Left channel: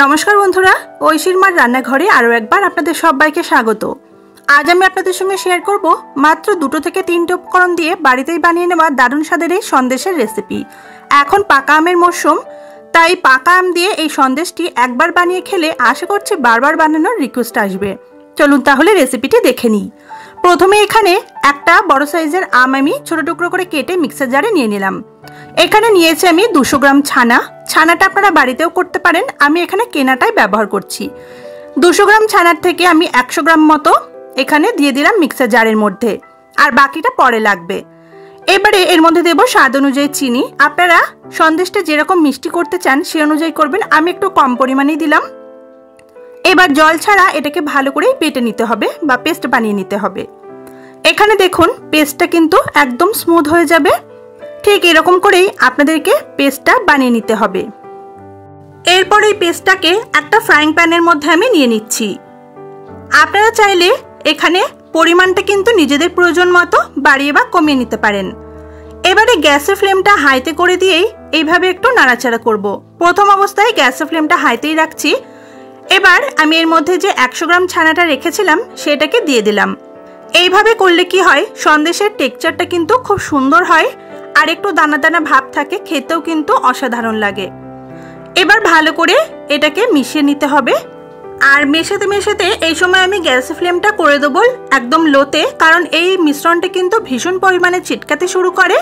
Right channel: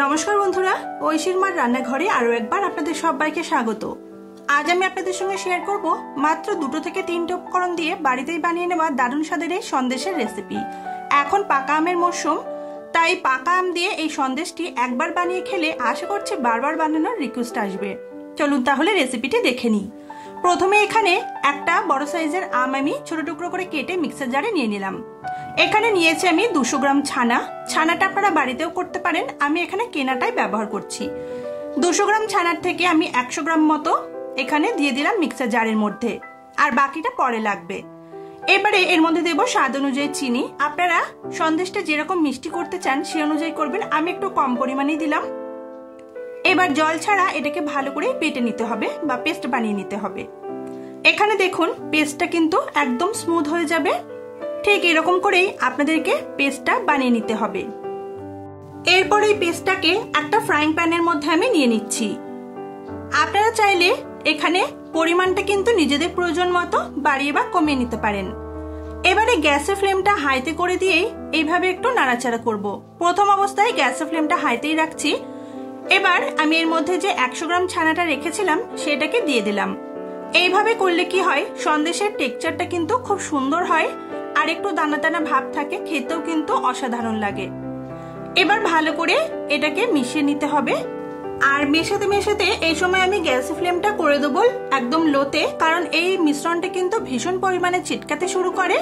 नमस्कार बंधुरा ঐশীর মার রান্নাঘরে আরো একবার আপনাদের সবাইকে স্বাগত। আজ আমি আপনাদের সঙ্গে শেয়ার করব মাত্র 2 থেকে 3টি উপকরণ দিয়ে বাড়িতেই বানিয়ে নেওয়া দারুণ স্বাদের এই সন্দেশের রেসিপি। এখন পাকা আমের মৌসুম, তাই পাকা আম দিয়ে এই সন্দেশটি একবার বানিয়ে খেলে আশা করছি বারবার বানানোর রিকোয়েস্ট আসবে। চলুন তাহলে রেসিপিটি দেখে নিই। প্রথমে এখানে একটা বড় সাইজের আম আমি ছোট টুকরো করে কেটে মিক্সার জারে নিয়ে নিলাম। এখানে নিয়েছি আমি 200 গ্রাম ছানা। ছানাটা আপনারা বাড়িতেও করতে পারেন, আমি এখানে কেনাটাই ব্যবহার করছি। 200 গ্রাম ছানার থেকে আমি 100 গ্রাম মতো এখানে দিয়ে দিলাম মিক্সার জারের মধ্যে, আর বাকিটা পরে লাগবে। এবারে এর মধ্যে দেব স্বাদ অনুযায়ী চিনি। আপনারা সন্দেশটা যেরকম মিষ্টি করতে চান সে অনুযায়ী করবেন, আমি একটু কম পরিমাণেই দিলাম। এবার জল ছাড়া এটাকে ভালো করে বেটে নিতে হবে বা পেস্ট বানিয়ে নিতে হবে। এখানে দেখুন পেস্টটা কিন্তু একদম স্মুথ হয়ে যাবে। ঠিক এরকম করেই আপনাদেরকে পেস্টটা বানিয়ে নিতে হবে। এরপর এই পেস্টটাকে একটা ফ্রাইং প্যানের মধ্যে আমি নিয়ে নিচ্ছি। আপনারা চাইলে এখানে পরিমাণটা কিন্তু নিজেদের প্রয়োজন মতো বাড়িয়ে বা কমিয়ে নিতে পারেন। এবারে গ্যাসের ফ্লেমটা হাইতে করে দিয়েই এইভাবে একটু নাড়াচাড়া করব। প্রথম অবস্থায় গ্যাসের ফ্লেমটা হাইতেই রাখছি। এবার আমি এর মধ্যে যে 100 গ্রাম ছানাটা রেখেছিলাম সেটাকে দিয়ে দিলাম। এইভাবে করলে কি হয়, সন্দেশের টেক্সচারটা কিন্তু খুব সুন্দর হয় আর একটু দানা দানা ভাব থাকে, খেতেও কিন্তু অসাধারণ লাগে। এবার ভালো করে এটাকে মিশিয়ে নিতে হবে। আর মেশাতে মেশাতে এই সময় আমি গ্যাসের ফ্লেমটা করে দেবো একদম লোতে, কারণ এই মিশ্রণটা কিন্তু ভীষণ পরিমাণে ছিটকাতে শুরু করে।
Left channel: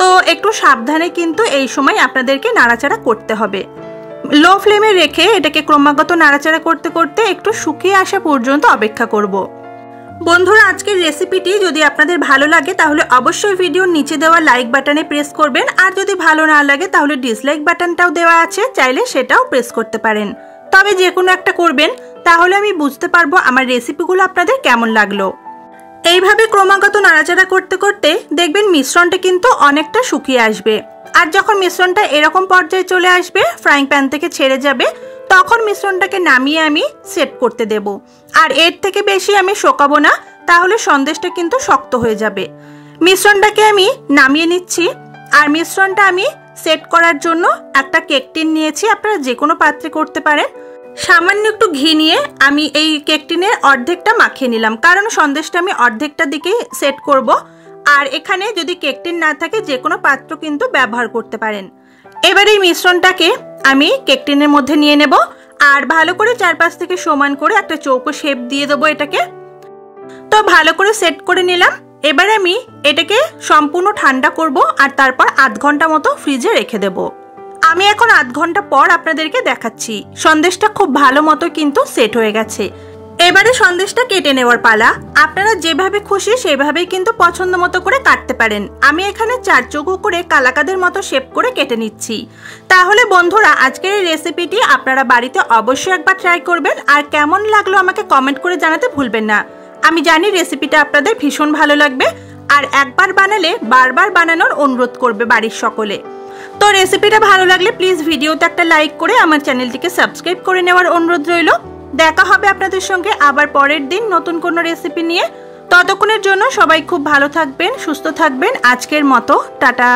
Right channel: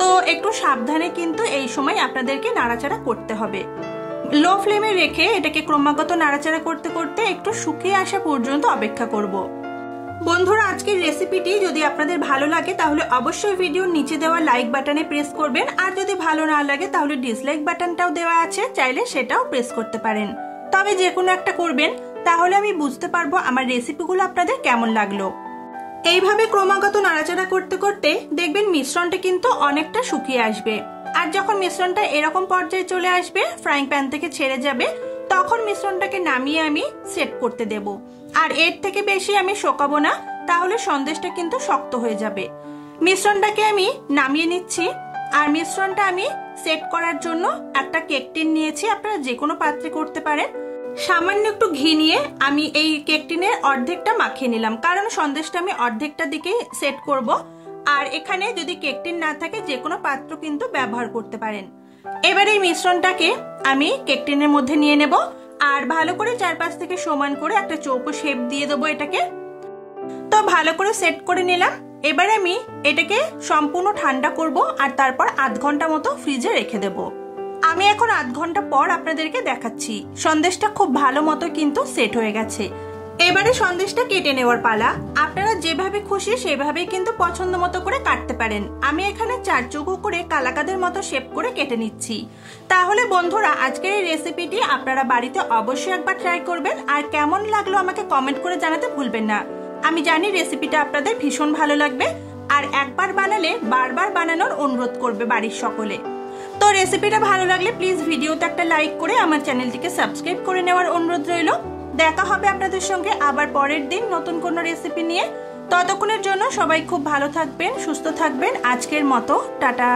তো একটু সাবধানে কিন্তু এই সময় আপনাদেরকে নাড়াচাড়া করতে হবে। লো ফ্লেমে রেখে এটাকে ক্রমাগত নাড়াচাড়া করতে করতে একটু শুকিয়ে আসা পর্যন্ত অপেক্ষা করব। বন্ধুরা, আজকের রেসিপিটি যদি আপনাদের ভালো লাগে তাহলে অবশ্যই ভিডিওর নিচে দেওয়া লাইক বাটনে প্রেস করবেন, আর যদি ভালো না লাগে তাহলে ডিসলাইক বাটনটাও দেওয়া আছে, চাইলে সেটাও প্রেস করতে পারেন। তবে যে কোনো একটা করবেন, তাহলে আমি বুঝতে পারবো আমার রেসিপিগুলো আপনাদের কেমন লাগলো। এইভাবে ক্রমাগত নাড়াচাড়া করতে করতে দেখবেন মিশ্রণটা কিন্তু অনেকটা শুকিয়ে আসবে। আর যখন মিশ্রণটা এরকম পর্যায়ে চলে আসবে, ফ্রাইং প্যান থেকে ছেড়ে যাবে, তখন মিশ্রণটাকে নামিয়ে আমি সেট করতে দেব। আর এর থেকে বেশি আমি শোকাবো না, তাহলে সন্দেশটা কিন্তু শক্ত হয়ে যাবে। মিশ্রণটাকে আমি নামিয়ে নিচ্ছি। আর মিশ্রণটা আমি সেট করার জন্য একটা কেক টিন নিয়েছি, আপনারা যে কোনো পাত্রে করতে পারেন। সামান্য একটু ঘি নিয়ে আমি এই কেক টিনের অর্ধেকটা মাখিয়ে নিলাম, কারণ সন্দেশটা আমি অর্ধেকটা দিকেই সেট করব। আর এখানে যদি কেক টিন না থাকে যে কোনো পাত্র কিন্তু ব্যবহার করতে পারেন। এবার এই মিশ্রণটাকে আমি কেক টিনের মধ্যে নিয়ে নেব, আর ভালো করে চারপাশ থেকে সমান করে একটা চৌকো শেপ দিয়ে দেবো এটাকে। তো ভালো করে সেট করে নিলাম। এবার আমি এটাকে সম্পূর্ণ ঠান্ডা করব, আর তারপর আধ ঘন্টা মতো ফ্রিজে রেখে দেব। আমি এখন আধ ঘন্টা পর আপনাদেরকে দেখাচ্ছি। সন্দেশটা খুব ভালো মতো কিন্তু সেট হয়ে গেছে। এবারে সন্দেশটা কেটে নেওয়ার পালা। আপনারা যেভাবে খুশি সেভাবেই কিন্তু পছন্দ মতো করে কাটতে পারেন। আমি এখানে 4 চৌকো করে কালাকাদের মতো শেপ করে কেটে নিচ্ছি। তাহলে বন্ধুরা, আজকের এই রেসিপিটি আপনারা বাড়িতে অবশ্যই একবার ট্রাই করবেন, আর কেমন লাগলো আমাকে কমেন্ট করে জানাতে ভুলবেন না। আমি জানি রেসিপিটা আপনাদের ভীষণ ভালো লাগবে, আর একবার বানালে বারবার বানানোর অনুরোধ করবে বাড়ির সকলে। তো রেসিপিটা ভালো লাগলে প্লিজ ভিডিওতে একটা লাইক করে আমার চ্যানেলটিকে সাবস্ক্রাইব করে নেওয়ার অনুরোধ রইল। দেখা হবে আপনাদের সঙ্গে আবার পরের দিন নতুন কোনো রেসিপি নিয়ে। ততক্ষণের জন্য সবাই খুব ভালো থাকবেন, সুস্থ থাকবেন। আজকের মতো টাটা।